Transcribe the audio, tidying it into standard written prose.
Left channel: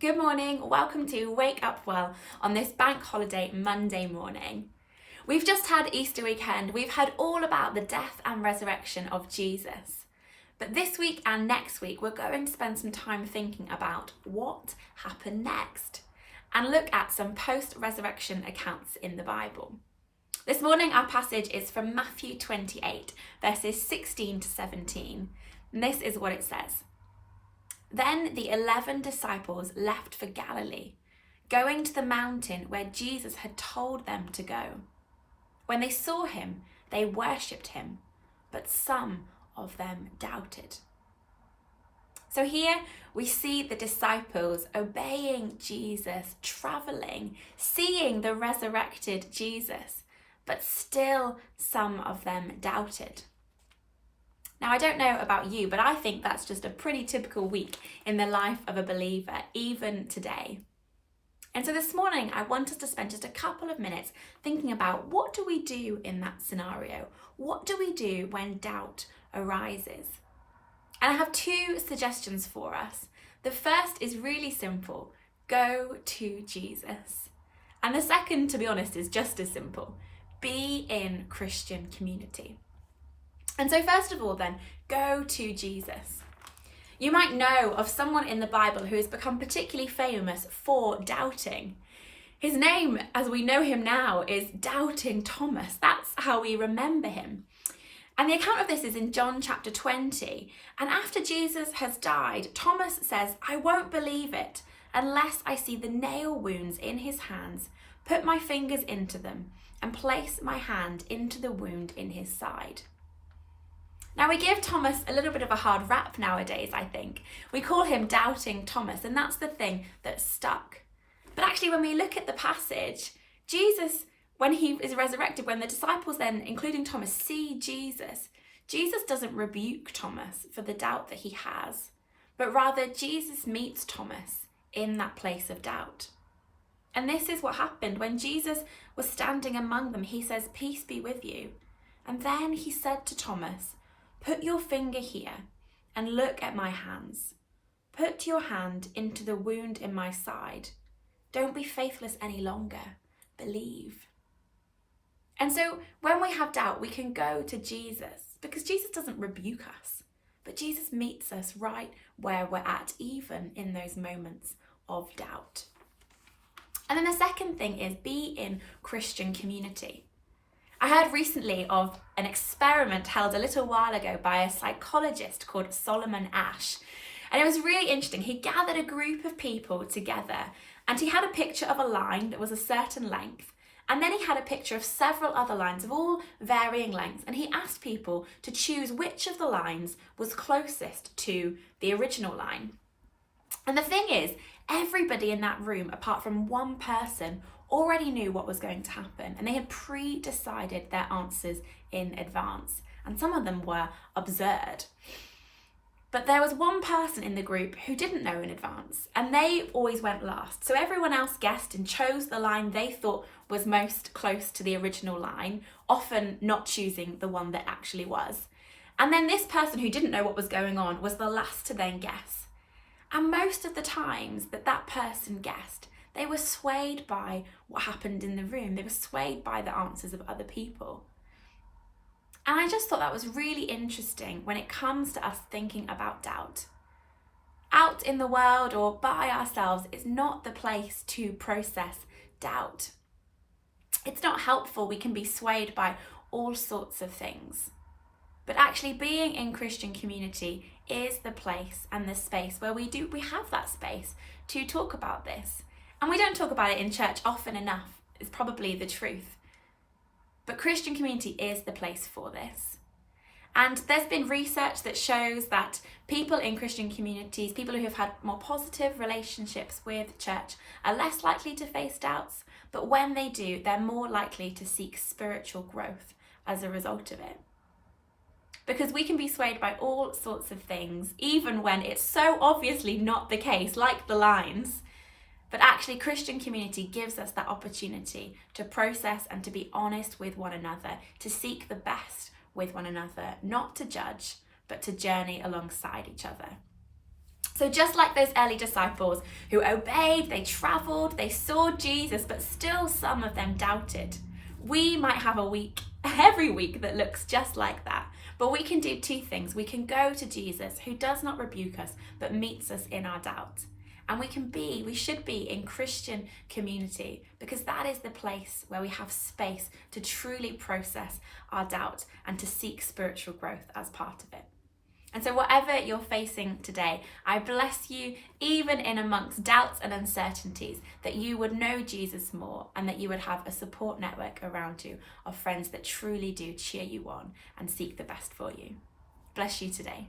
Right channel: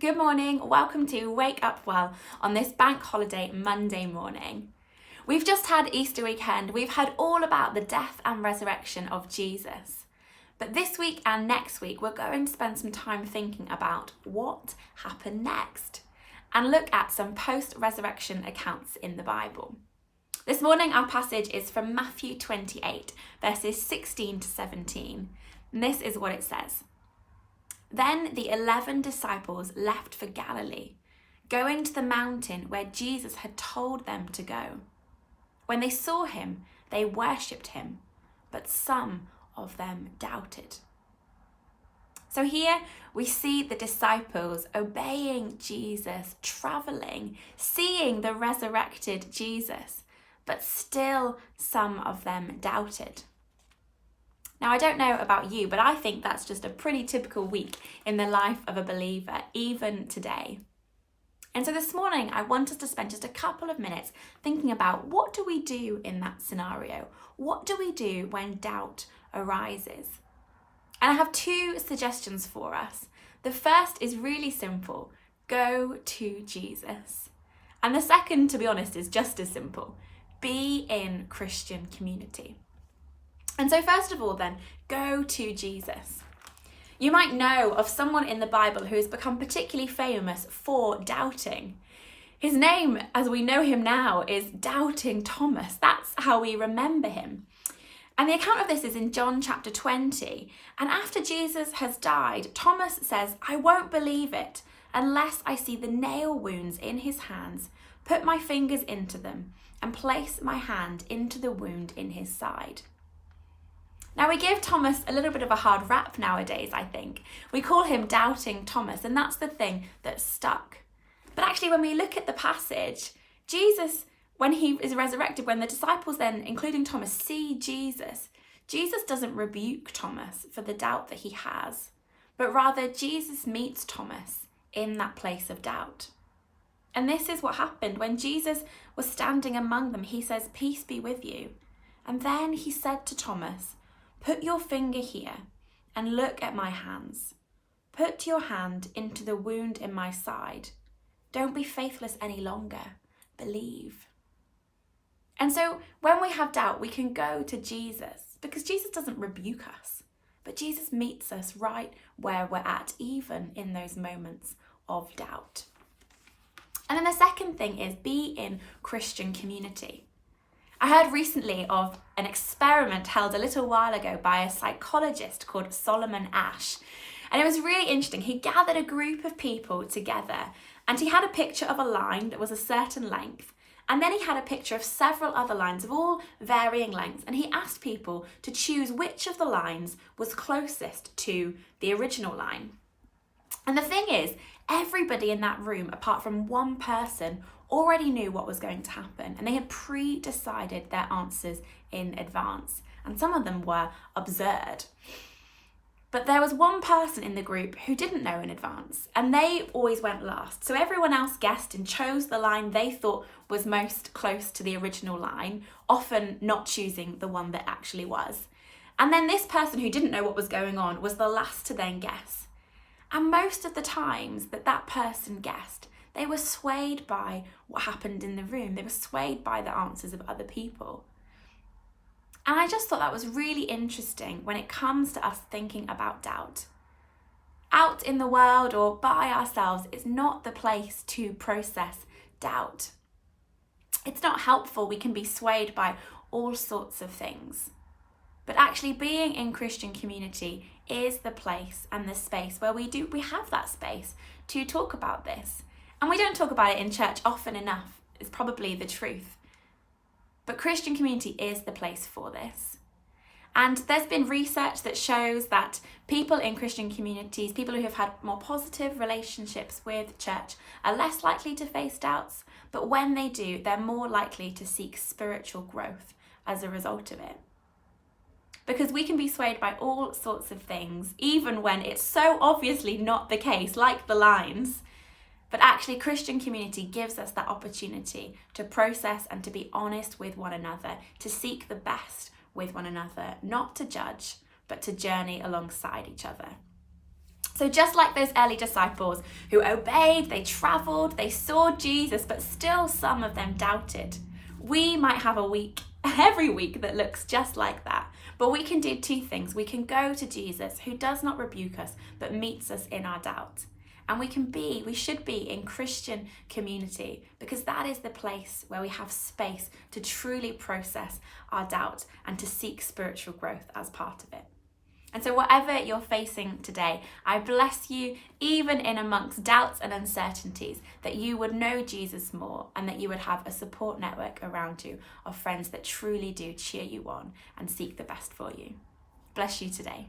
Good morning, welcome to Wake Up Well on this bank holiday Monday morning. We've just had Easter weekend, we've heard all about the death and resurrection of Jesus. But this week and next week we're going to spend some time thinking about what happened next and look at some post-resurrection accounts in the Bible. This morning our passage is from Matthew 28 verses 16 to 17 and this is what it says. Then the 11 disciples left for Galilee, going to the mountain where Jesus had told them to go. When they saw him, they worshipped him, but some of them doubted. So here we see the disciples obeying Jesus, traveling, seeing the resurrected Jesus, but still some of them doubted. Now, I don't know about you, but I think that's just a pretty typical week in the life of a believer, even today. And so this morning, I want us to spend just a couple of minutes thinking about what do we do in that scenario? What do we do when doubt arises? And I have two suggestions for us. The first is really simple. Go to Jesus. And the second, to be honest, is just as simple. Be in Christian community. And so first of all then, go to Jesus. You might know of someone in the Bible who has become particularly famous for doubting. His name, as we know him now, is Doubting Thomas. That's how we remember him. And the account of this is in John chapter 20. And after Jesus has died, Thomas says, "I won't believe it unless I see the nail wounds in his hands, put my fingers into them, and place my hand into the wound in his side." Now we give Thomas a little bit of a hard rap nowadays, I think. We call him Doubting Thomas, and that's the thing that stuck. But actually when we look at the passage, Jesus, when he is resurrected, when the disciples then, including Thomas, see Jesus, Jesus doesn't rebuke Thomas for the doubt that he has, but rather Jesus meets Thomas in that place of doubt. And this is what happened when Jesus was standing among them. He says, "Peace be with you." And then he said to Thomas, "Put your finger here and look at my hands. Put your hand into the wound in my side. Don't be faithless any longer. Believe." And so when we have doubt, we can go to Jesus because Jesus doesn't rebuke us, but Jesus meets us right where we're at, even in those moments of doubt. And then the second thing is be in Christian community. I heard recently of an experiment held a little while ago by a psychologist called Solomon Asch. And it was really interesting. He gathered a group of people together and he had a picture of a line that was a certain length. And then he had a picture of several other lines of all varying lengths. And he asked people to choose which of the lines was closest to the original line. And the thing is, everybody in that room, apart from one person, already knew what was going to happen and they had pre-decided their answers in advance, and some of them were absurd. But there was one person in the group who didn't know in advance and they always went last. So everyone else guessed and chose the line they thought was most close to the original line, often not choosing the one that actually was. And then this person who didn't know what was going on was the last to then guess. And most of the times that person guessed, they were swayed by what happened in the room. They were swayed by the answers of other people. And I just thought that was really interesting when it comes to us thinking about doubt. Out in the world or by ourselves is not the place to process doubt. It's not helpful. We can be swayed by all sorts of things. But actually being in Christian community is the place and the space where we have that space to talk about this. And we don't talk about it in church often enough, is probably the truth. But Christian community is the place for this. And there's been research that shows that people in Christian communities, people who have had more positive relationships with church, are less likely to face doubts. But when they do, they're more likely to seek spiritual growth as a result of it. Because we can be swayed by all sorts of things, even when it's so obviously not the case, like the lines. But actually, Christian community gives us that opportunity to process and to be honest with one another, to seek the best with one another, not to judge, but to journey alongside each other. So just like those early disciples who obeyed, they travelled, they saw Jesus, but still some of them doubted. We might have a week, every week, that looks just like that. But we can do two things. We can go to Jesus, who does not rebuke us, but meets us in our doubt. And we should be in Christian community, because that is the place where we have space to truly process our doubt and to seek spiritual growth as part of it. And so whatever you're facing today, I bless you, even in amongst doubts and uncertainties, that you would know Jesus more and that you would have a support network around you of friends that truly do cheer you on and seek the best for you. Bless you today.